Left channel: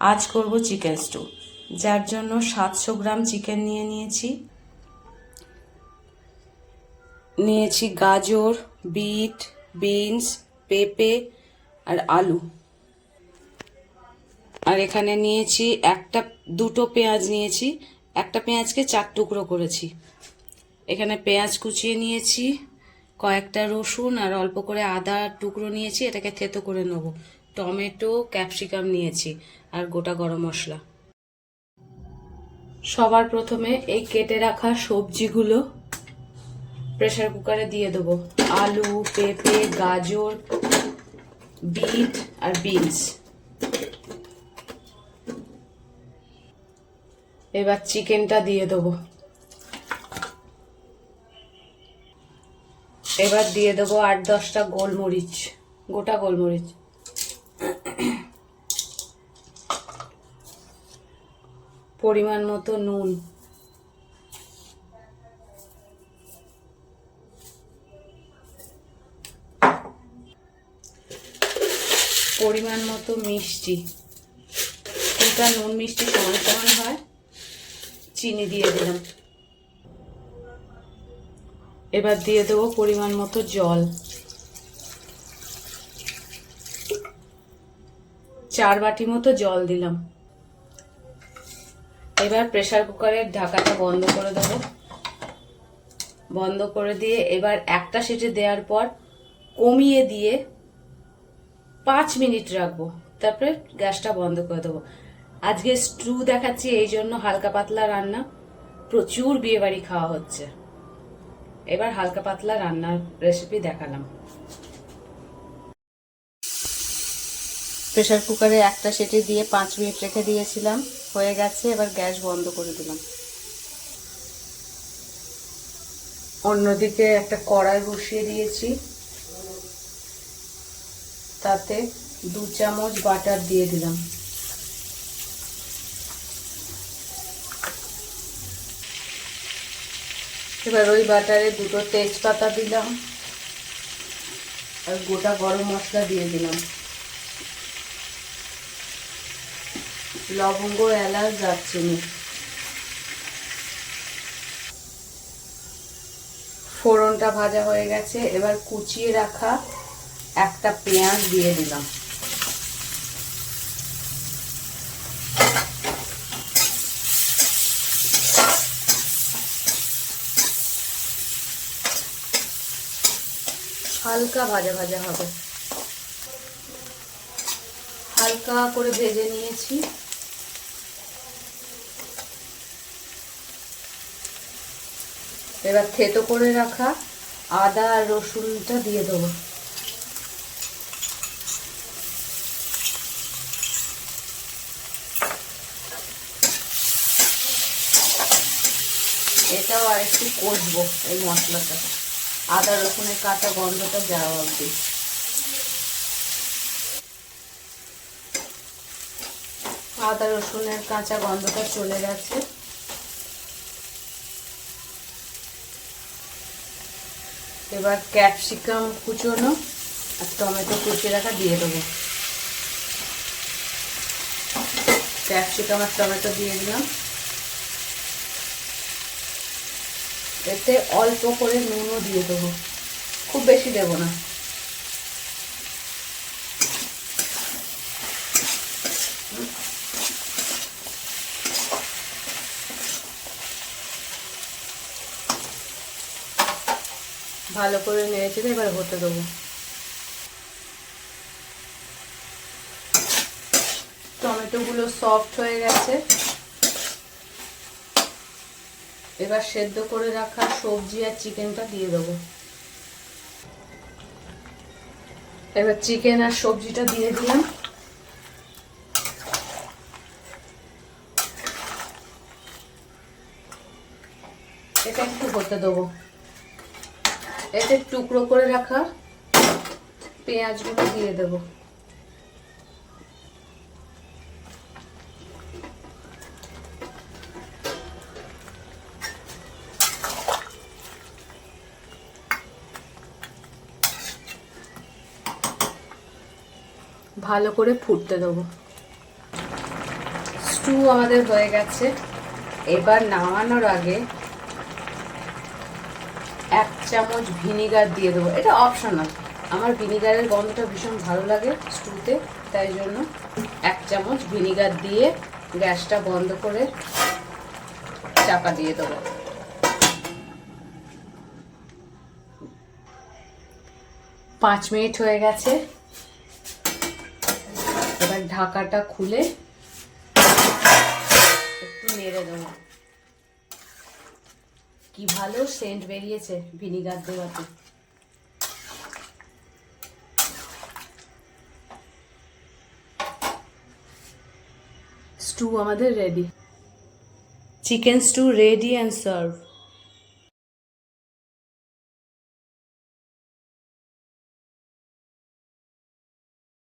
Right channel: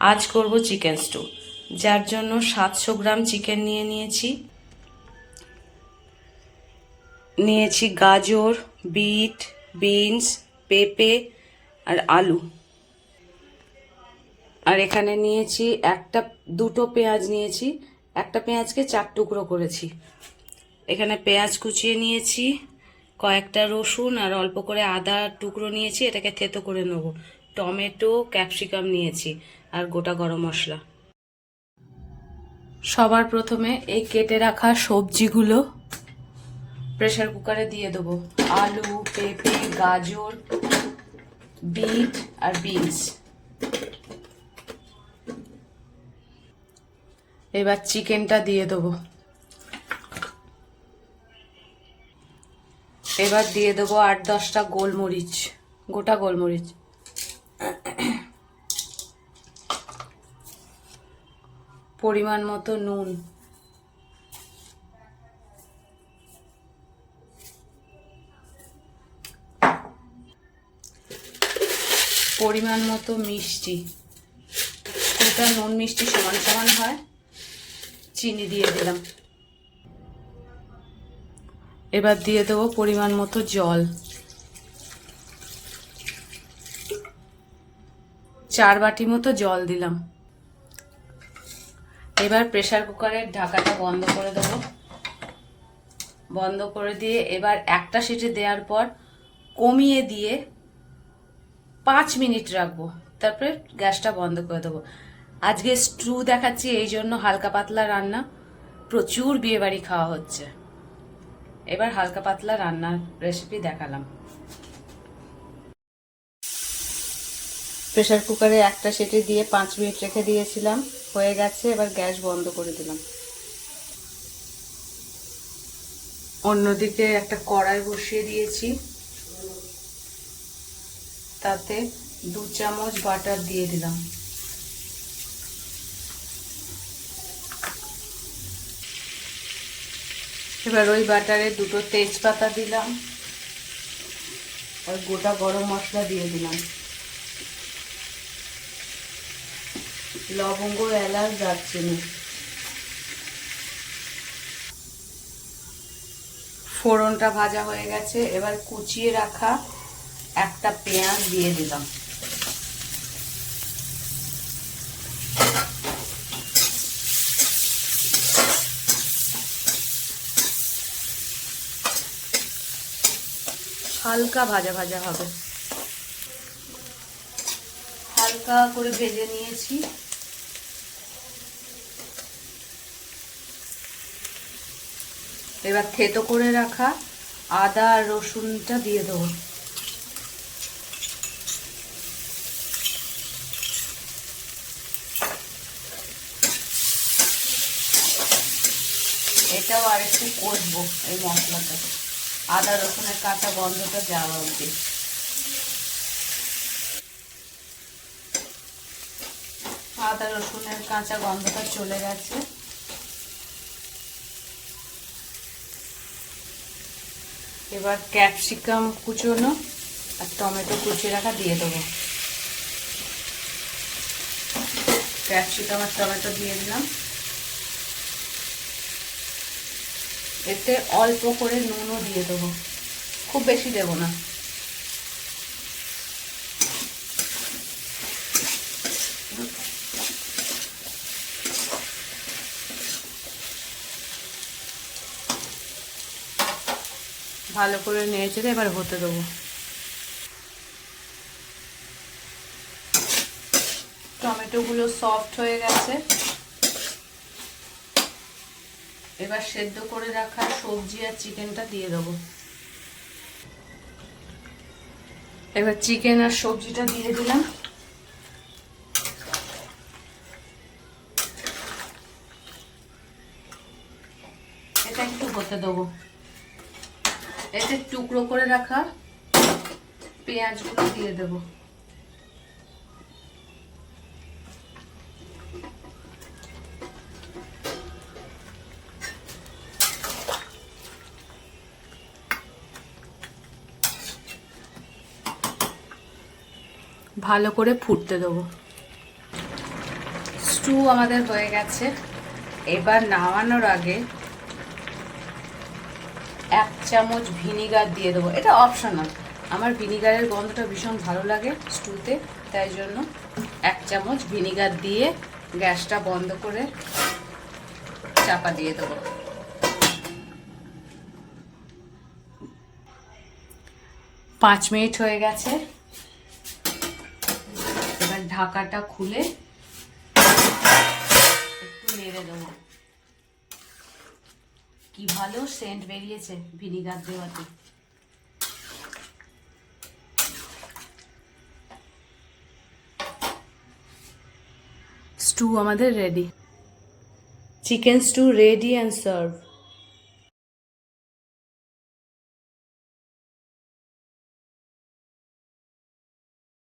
আজ করব chicken stew. যার জন্য 700 গ্রাম চিকেন নিয়েছি গাজর, বিট, বিনস, পেঁপে আর আলু। আর এখানে নিয়েছি দুটো পেঁয়াজ নিয়েছি, একটা পেঁয়াজকে 4 টুকরো করেছি। এখানে পেঁয়াজ কুচিয়ে নিয়েছি, কয়েকটা রসুন আর অল্প করে আদা টুকরো নিয়েছি, এটাকে থেতো করে নেব। টমেটো, ক্যাপসিকাম নিয়েছি আর গোটা গরম মশলা। সবার প্রথমে এই কেটে রাখা সবজিগুলো প্রেসার কুকারে দিয়ে দেবো। আলু, পেঁপে, গাজর, বিট আর বিনস। এবার চিকেনটা দিয়ে দেবো। এবার দিয়ে দেবো 8-10টা গোলমরিচ, গোটা গোলমরিচ। পরিমাণ মতো নুন, পরিমাণ মতো মিষ্টি। এটা নুন মিষ্টি সমান সমান হয়। চিনি দিয়ে দিলাম। এবার দিয়ে দেবো পরিমাণ মতো জল, 4 বাটি মতো জল দিলাম। এবার প্রেসার কুকারের ঢাকাটা বন্ধ করে দেবো। বন্ধ করে দিয়ে এবার একটা সিটি দেওয়ার পর কমিয়ে দিয়ে 5 মিনিট রাখবো, তারপরে গ্যাসটা বন্ধ করে দেবো। আজকে স্টু দেখাচ্ছি এই জন্য হালকা পাতলা রান্না, প্রচুর বিয়ে বাড়ি খাওয়া হচ্ছে। এবার হালকা পাতলা রান্নার রেসিপি দেখালাম। প্রেসার কুকারে একটা সিটি দিয়ে 5 মিনিট রেখে দিয়েছিলাম, হয়ে গেছে। এবার গ্যাস বন্ধ করে দিলাম। অন্যদিকে একটা কড়াই বসিয়ে দিয়েছি, তাতে 2 চামচ বাটার দিয়ে দিলাম। এবার ওই বাটারে 2টো তেজপাতা দিলাম আর গোটা গরম মশলা দিয়ে দিলাম। লবঙ্গ, এলাচ, দারচিনি। ফোড়নটা ভাজা হয়ে গেছে। এবার কুচিয়ে রাখা একটা পেঁয়াজ দিয়ে দিলাম। হালকা ভাজা ভাজা হবে, হালকা করে ভেজে নিয়েছি। এবার থেতো করে রাখা আদা আর রসুনটা দিয়ে দেবো। এটাও আর একটু কষবো এই মশলাটা, আদা রসুনের কাঁচা গন্ধটা যাওয়া অবধি। আদা রসুনের কাঁচা গন্ধটা চলে গেছে। এবার ক্যাপসিকাম কুচোনো আর টমেটো কুচিয়ে রাখা দিয়ে দেবো। ক্যাপসিকাম আর টমেটো দিয়ে দিলাম। এতে অল্প করে নুন দিয়ে দেবো, খুব বেশি দেবো না। ভালো করে নেড়েচেড়ে এবার হতে দেবো। টমেটোগুলো সফট হয়ে গেছে। এবার সেদ্ধ করে রাখা সবজি আর চিকেনটা দিয়ে দেবো। এবার চিকেন আর সবজিটা দিয়ে দিলাম। এটা একটু হতে দেবো। এতে টুকরো করে রাখা পেঁয়াজগুলো দিয়ে দেবো। ভালো করে ফুটতে দেবো। স্টু আমাদের হয়ে গেছে। এবার নামানোর আগে 1 চামচ ভিনিগার দিয়ে দেবো, এটা অপশনাল। আমার ভিনিগারের গন্ধটা ভীষণ ভালো লাগে স্টুতে, তাই জন্য 1 চামচ ভিনিগার দিয়ে গ্যাসটা বন্ধ করে চাপা দিয়ে দেবো। পাঁচ মিনিট হয়ে গেছে। এবার ঢাকাটা খুলে একটু নেড়ে দেবো। কি ভালো সেন্ট বেরিয়েছে ভিনিগার দেওয়াতে। স্টু আমাদের ready. Chicken stew ready and serve.